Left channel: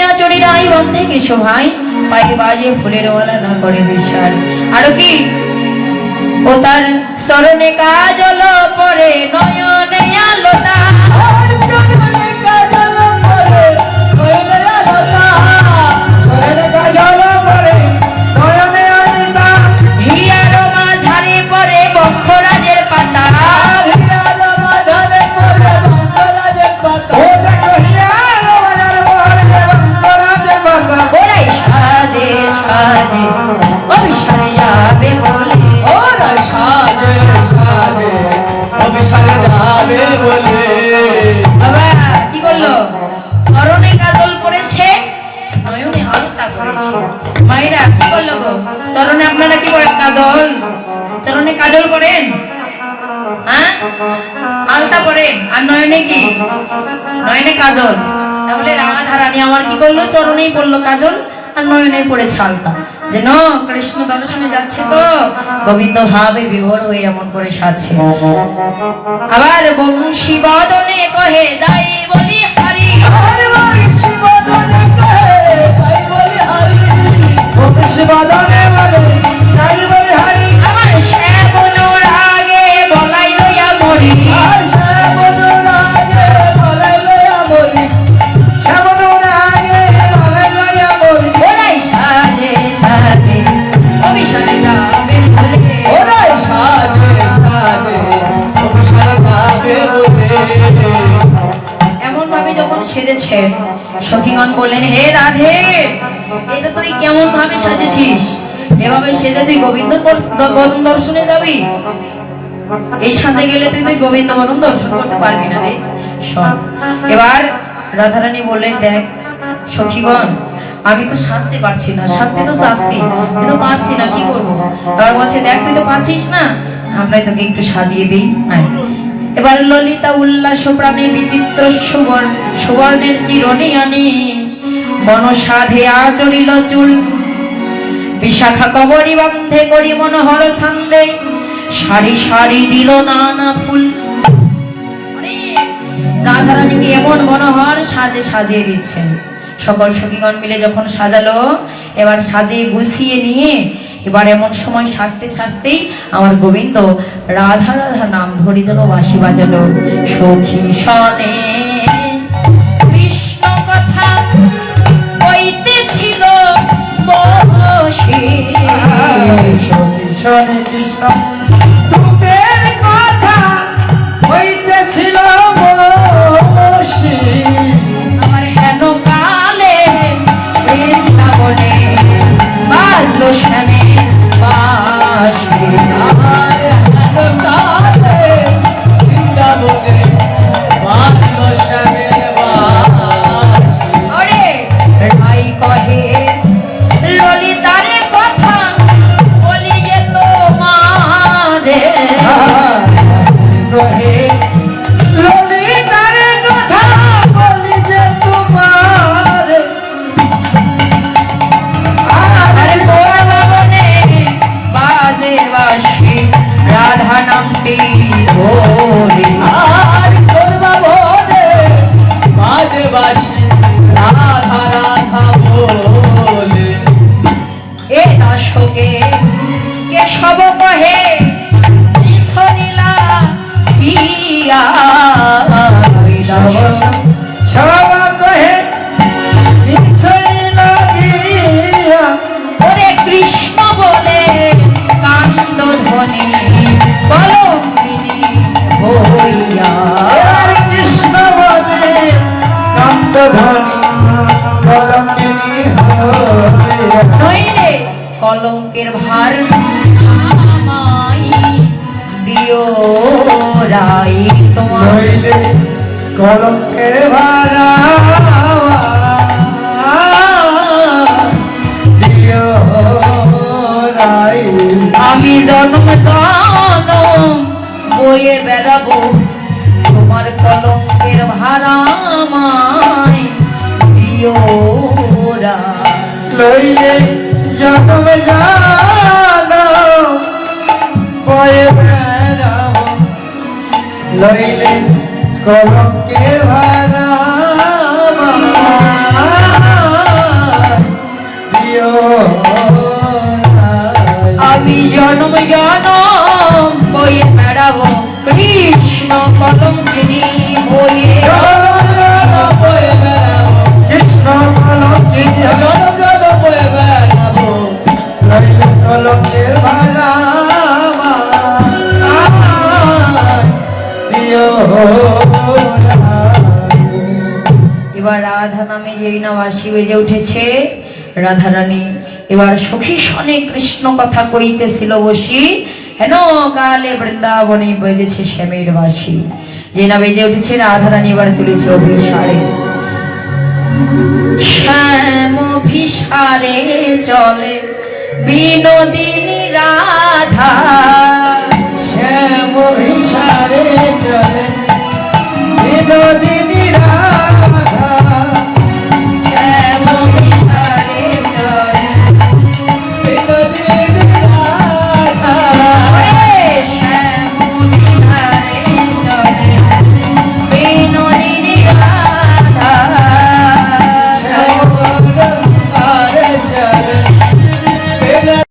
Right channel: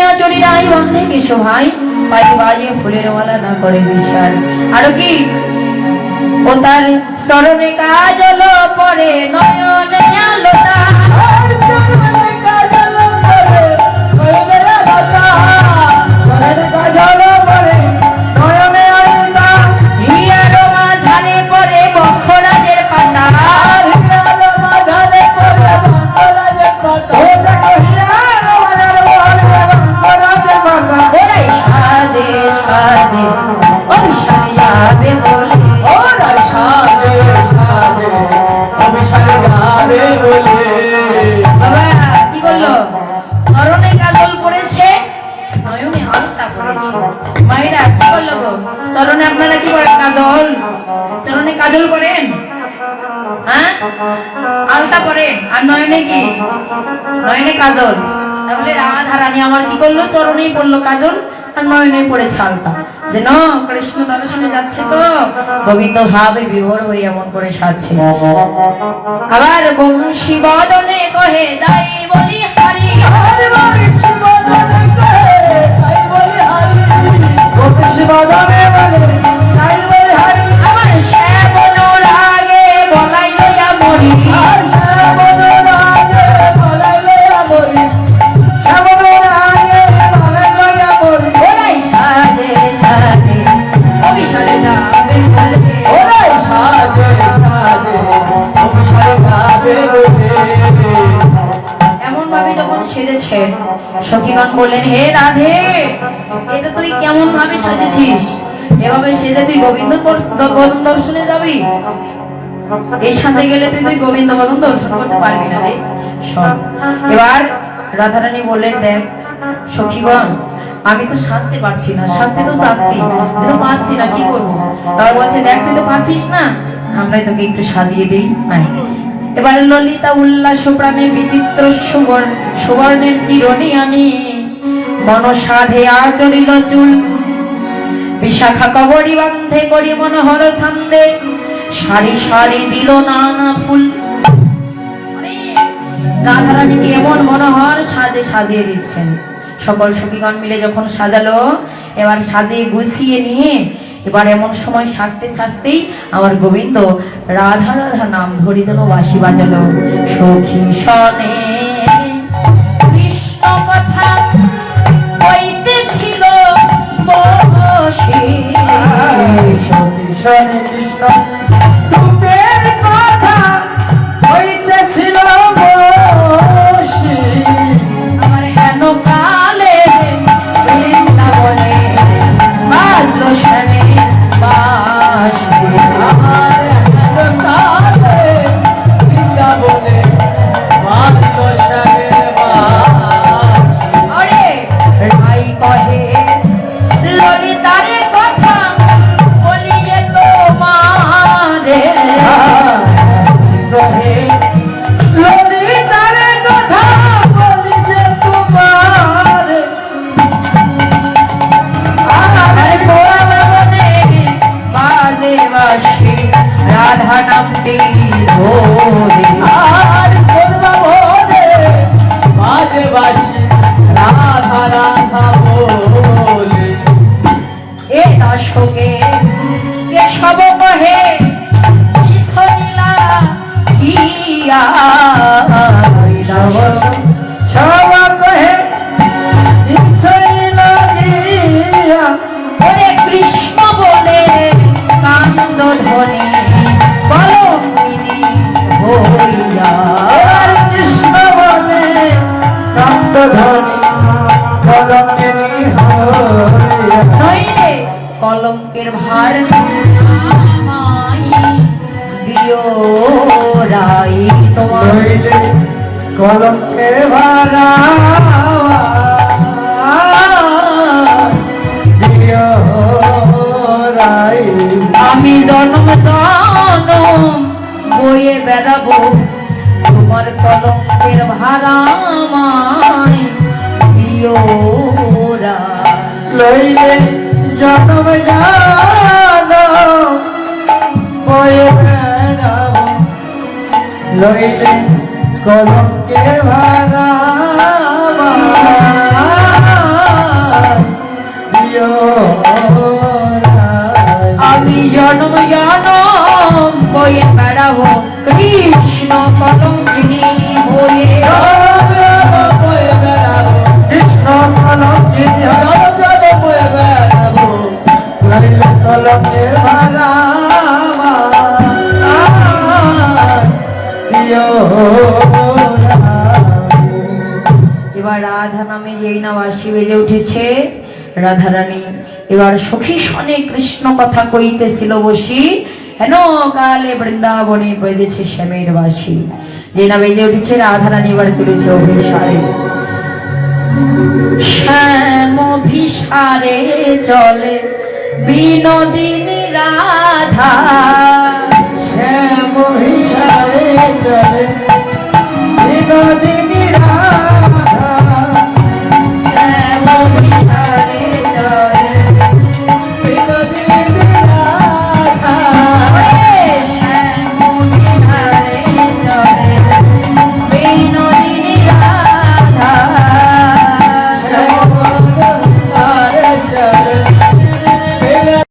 করিয়া চড়িরাই বন্ধে কিছু ভাই। পাই বাজে ফুলের ওয়ালা না করে দিশার আর কি? ও তার স্মরণে কাজল পরে নয়নে করল গো স্মরণে আপনারা কি করেন কাজল? চরণে কাজল পড়েন? হ্যাঁ? আলতা পড়েন? আর নয়নে কি? নয়নে কাজল। তাহলে আমার কি করল? চরণেই পড়ল কাজল, আর নয়নে পড়েছে আলতা। কৃষ্ণ দর্শনে যাচ্ছে তো, গোবিন্দ ভাবে বিভোর হয়ে এমন করে সাজছে। আবার বংশী বদনে কহে, যাই বললেন, হে রাধে, এটা তুই কেমন ভাবে সাজেছিস? এভাবে সেজে তুই গোবিন্দ বদন দর্শনে যাবি? এই সাজে গেলে তুই তুই গোবিন্দ বদন দর্শন করতে পারবি না রে। এবার রাধারানী বললেন, দেখ, সখীগণ, আমি তো সাজতে পারছি না সাজতে তো চাচ্ছি কিন্তু পারছি না, কি করব? এবার বলছে, দেখ, তুই তো পাচ্ছিস না, আমরাই তোকে একটু সাজিয়ে দিই। নাই। এবার ললিতা উল্লাস প্রাণে বিচিত্র সুবর্ণ সুবর্ণের চিরনি আনি। মন সাধে আচরিল চুল। বিশাখা কবরী বন্ধে করি মনোহর ছন্দে। সারি সারি দিল নানা ফুল। রাধারানীকে এমন মনোহর সাজে সাজিয়ে দিচ্ছেন। সকল সখীগণ মিলে যখন সাজালো, এবার সাজিয়ে গুছিয়ে নিয়ে এবার এমন সময় সাজতে সাজতেই আমার গোবিন্দ রাধা রাধা নাম ধরে যেন বাঁশি বাজালো। সখী সনে কৃষ্ণ রূপের তোমারে। জন্ম জনম বয়ে বেড়াবো তোমার কলঙ্কের দিও লইলে জন্ম জান পয়ে বেড়াম লইলে কলঙ্কে ভাড়া বেজে উঠেছে। রাধারানী, এবার সখী সনে কৃষ্ণ কথা কইতেছিল বসি, হেন কালে বৃন্দাবনে বেজেছে শ্যামের বাসি। যে না বেজে উঠেছে, রাধারানী এবার চলেছে অভিসারে। শ্যাম অভিসারে চলে, বিনোদিনী